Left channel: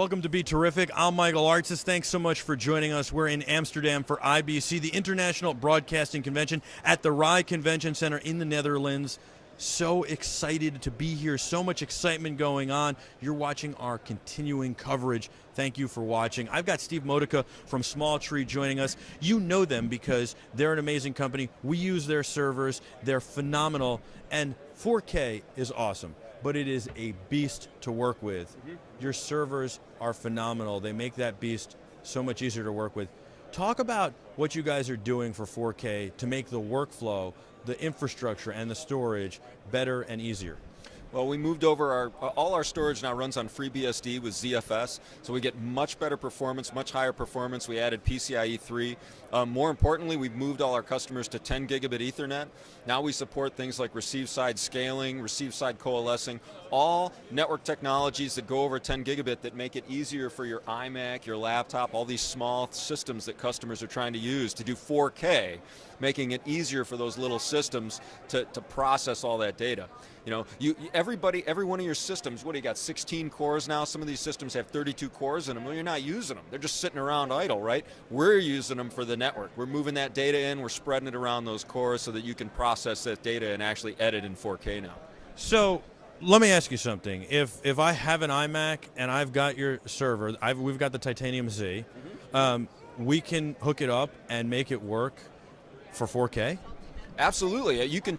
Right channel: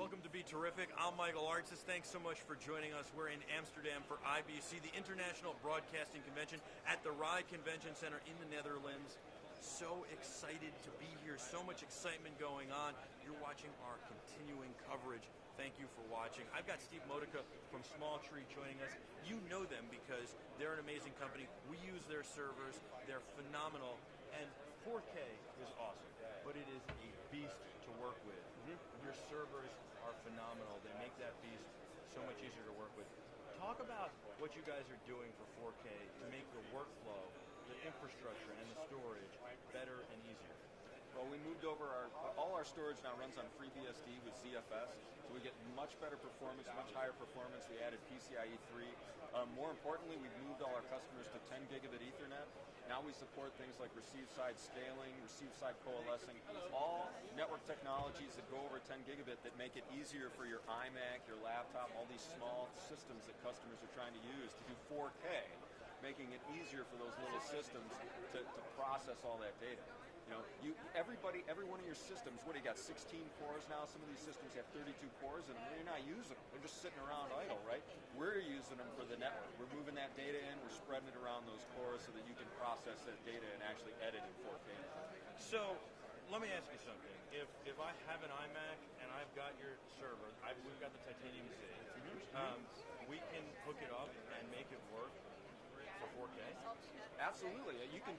Welcome to BeTerrific. I'm Michael Artsis. Thanks so much for joining us. We're in Amsterdam for IBC, the International Broadcasting Convention at the Rai Convention Center in the Netherlands. So excited to be here. So much excitement going on. You're watching our continuing coverage. Thank you for watching. I've got Steve Modica from Small Tree joining us. You know them because they're an amazing company. We use their servers. They're phenomenal. And 4K is awesome, but it is a beast to work with. Your servers are phenomenal. They make that beast so much easier to work with. Talk about what you guys are doing for 4K to make the workflow, the infrastructure, and the storage better and easier. Well, we moved over all our storage now runs on FreeBSD with ZFS, so we get much better performance, much higher performance. We added PCIe 3. More importantly, we've moved all our customers to 10 gigabit Ethernet. Now we support things like receive-side scaling, receive-side coalescing, all network technologies that go over 10 gigabit that make it easier for your iMac, your laptop, all these small systems that customers are trying to use to do 4K, making it easier for those little systems to process all that data. You know, every one of your systems, what do you got, 16 cores now? Some of these systems have 32 cores in them. Well, you're not using them. They're just sitting around idle, right? We're using them for the network. We're moving that data in. We're spreading it around those cores so that you can process that data and actually edit in 4K now. So let me ask you something. If I have an iMac and I've got your server, we've got the Titanium Z, we can hook it up and make it work for 4K? Absolutely. You can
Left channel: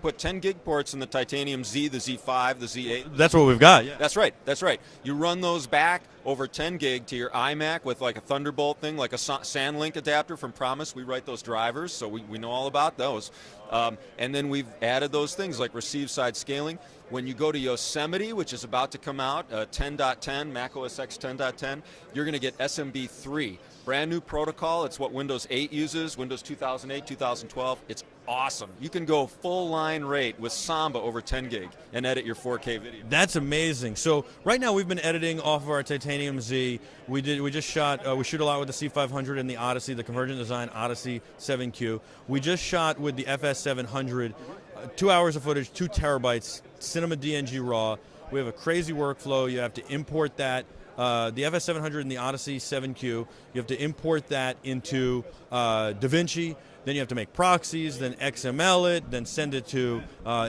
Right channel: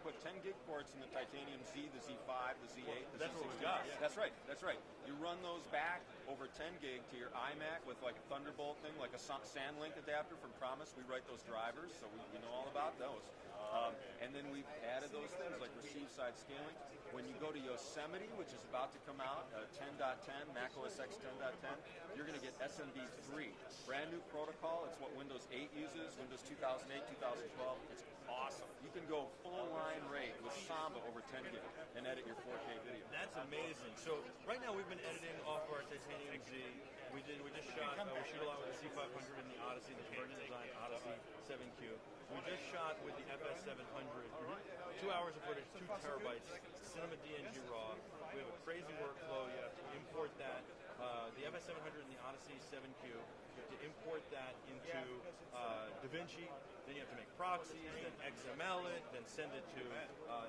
put 10 gig ports in the Titanium Z, the Z5, the Z8. That's what we've got. Yeah. That's right. That's right. You run those back over 10 gig to your iMac with like a Thunderbolt thing, like a SandLink adapter from Promise. We write those drivers, so we know all about those. And then we've added those things like receive-side scaling. When you go to Yosemite, which is about to come out, 10.10, Mac OS X 10.10, you're going to get SMB3. Brand new protocol. It's what Windows 8 uses, Windows 2008, 2012. It's awesome. You can go full line rate with Samba over 10 gig and edit your 4K video. That's amazing. So right now we've been editing off of our Titanium Z. We just shot, we shoot a lot with the C500 and the Odyssey, the Convergent Design Odyssey 7Q. We just shot with the FS700, 2 hours of footage, 2 terabytes, Cinema DNG RAW. We have a crazy workflow. You have to import that. The FS700 and the Odyssey 7Q, you have to import that into DaVinci, then you have to make proxies, then XML it, then send it to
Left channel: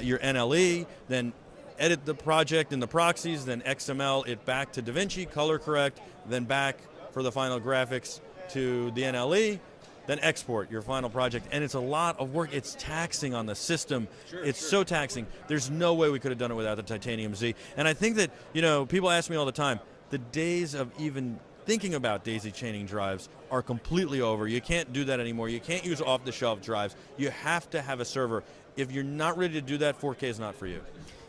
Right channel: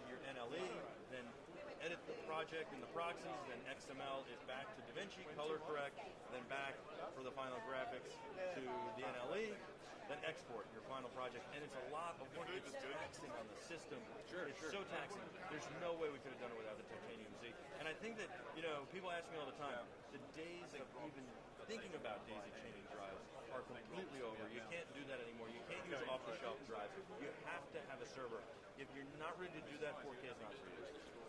your NLE, then edit the project in the proxies, then XML it back to DaVinci, color correct, then back for the final graphics to the NLE, then export your final project. And it's a lot of work. It's taxing on the system. It's so taxing. There's no way we could have done it without the Titanium Z. And I think that, you know, people ask me all the time, the days of even thinking about daisy chaining drives are completely over. You can't do that anymore. You can't use off-the-shelf drives. You have to have a server. If you're not ready to do that, 4K is not for you.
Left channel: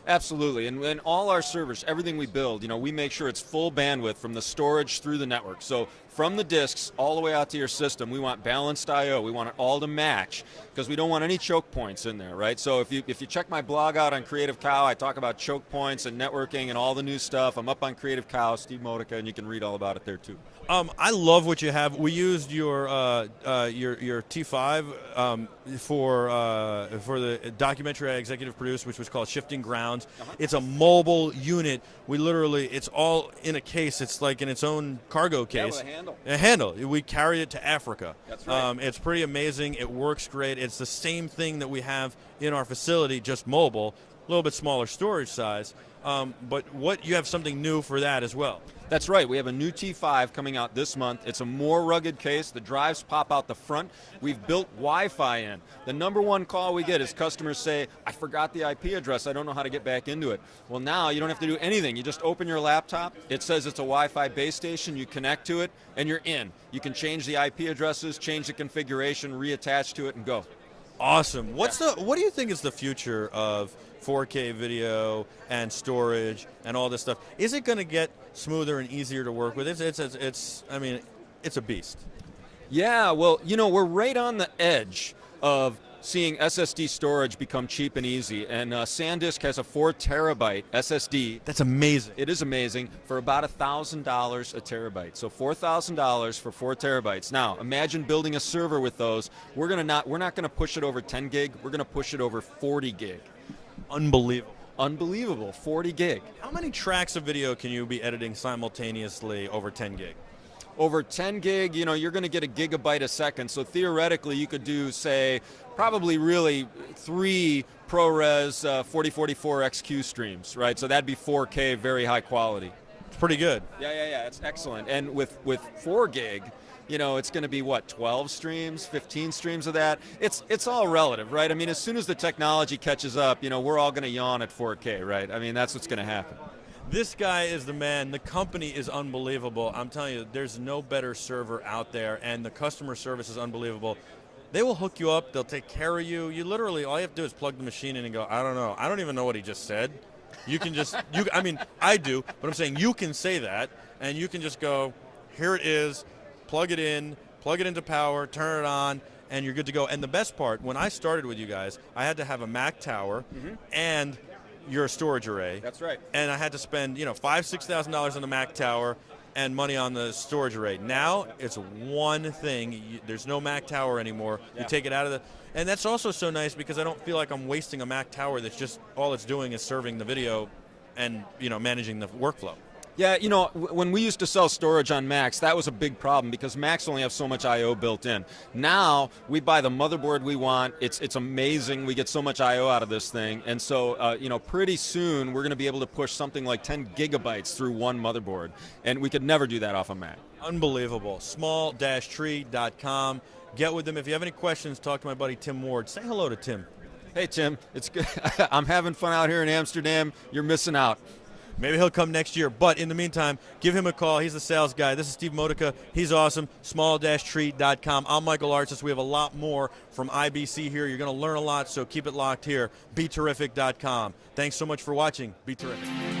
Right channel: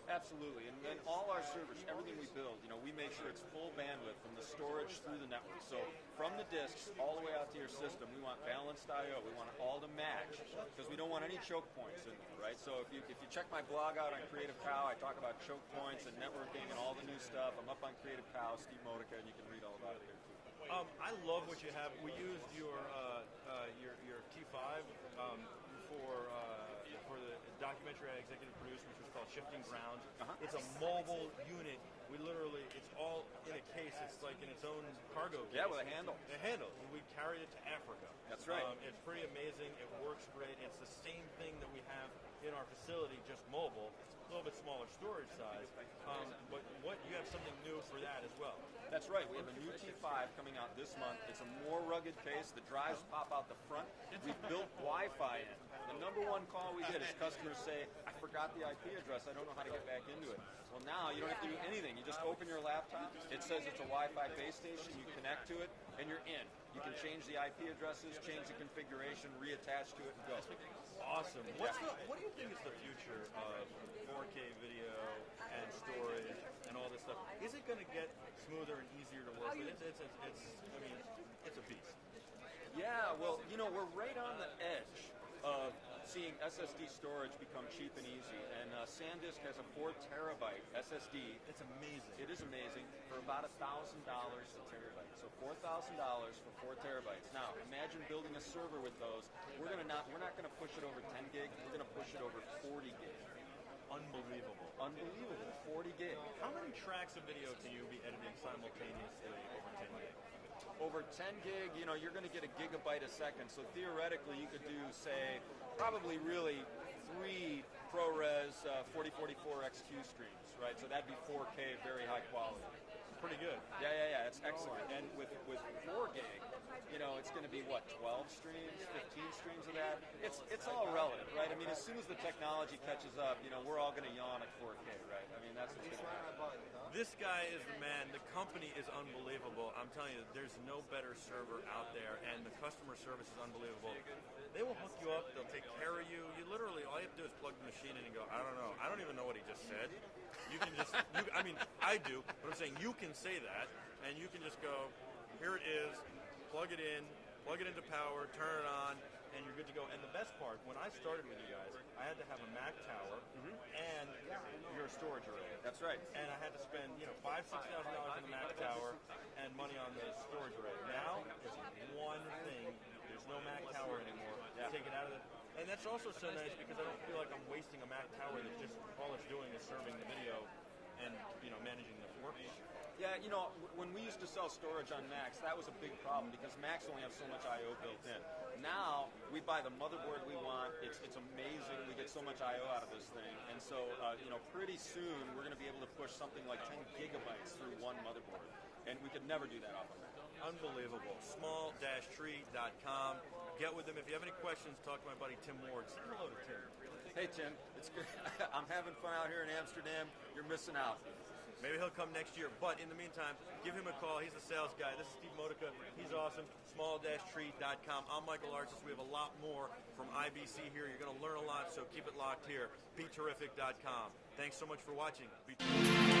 Absolutely, and all our servers, everything we build, you know, we make sure it's full bandwidth from the storage through the network. So from the disks all the way out to your system, we want balanced I/O. We want it all to match because we don't want any choke points in there, right? So if you check my blog out on Creative Cow, I talk about choke points and networking and all the new stuff. I'm up on Creative Cow, Steve Modica, and you can read all about it there too. I love what you have. We used your T5 for the documentary I executive produced, which was called Shifting Grounds. It's a mobile unit. We literally, it's all in a case. It's like in its own cargo case. Yeah, with a handle. A handle. We carried it to Africa. That's right. It's pretty amazing. It works great. It's the same thing that we have in our facility, just mobile, a little bit smaller storage size. But you have something new for that as well. That's right. We have a new T5 coming out this month. It's a more rugged case. The drives pop out the front. We've built Wi-Fi in. The number one call we get is customers say, I forgot the IP address. I don't know how to get back into it. Well, now you don't have to do anything. You just open your laptop. It says it's a Wi-Fi base station. You connect to it, and you're in. You can change the IP addresses, change the configuration, reattach to it, and go. Awesome. What do you think is the future of 4K video and storage and all this stuff? Is it going to get smoother and easier to work with? I mean, it's a beast. Yeah, well, you know, we're right on the edge of seeing SSD storage become cheap and easy, and SanDisk has a 4 terabyte SSD. That's amazing. It is amazing, for about $1,000 a terabyte. So $4,000 for 4 terabytes. Now, imagine building a server with those. We're not going to push it over 10 gig. We're going to push it over 40 gig. Unbelievable. unbelievable, 40 gig. How many tracks of video can you be editing simultaneously over 10 gig? Over 10 gig, you're going to get a gigabyte a second. So theoretically, you could do, say, probably really 3 ProRes 4044 XQ streams, right? So that'd be 4K, very high quality. It's pretty good. Yeah, it's excellent. And with 4 gig, it's going to be what, 12 streams, 15 streams of that? It's all relative, right? I mean, as soon as the technology catches up, we're all going to yawn at 4K, right? I mean, that's what's going to happen. This guy is the man. The company is unbelievable. I'm telling you, there's no better server out there, and the customer service is unbelievable. They will hook you up. They'll take care of you. You literally, all you have to do is plug the machine in and go, I don't know. I don't even know what he just said. You can just, I mean, I do, but I'm saying you can say that, and you can just go, here it is, plug it into power, turn it on, and you're good to go. And the best part, when I started with you guys, I had to have a Mac tower and your storage array. That's right. And I had to spend, $5,000-$6,000 on the Mac tower and money on the storage array. Now it's one thing. There's no Mac tower anymore. Yeah. You take it out of the, and that's also so nice because I don't feel like I'm wasting a Mac tower that's just all it's doing is serving the video and managing the workflow. Yeah, when we used to sell storage on Macs, that was a big problem because Macs only have so much I/O built in. Now we buy the motherboard we want. It's amazing. We get so much I/O out of this thing, and so pretty soon we're going to be able to push something like 10 gigabytes through one motherboard, and we could never do that off a Mac. Unbelievable. Small-tree.com. Get with them. If you have any questions, talk to my buddy Tim Ward. Say hello to Tim. Hey Tim, it's good. I'm having fun out here in Amsterdam. You're missing out. Maybe he'll come next year, but in the meantime, give him a call. He's the sales guy. This is Steve Modica. He's awesome. Small-tree.com. I'm Michael Artsis. We have a lot more from IBC here. You're going to learn a lot, so keep it locked here. BeTerrific.com. Thanks so much for watching. Be Terrific.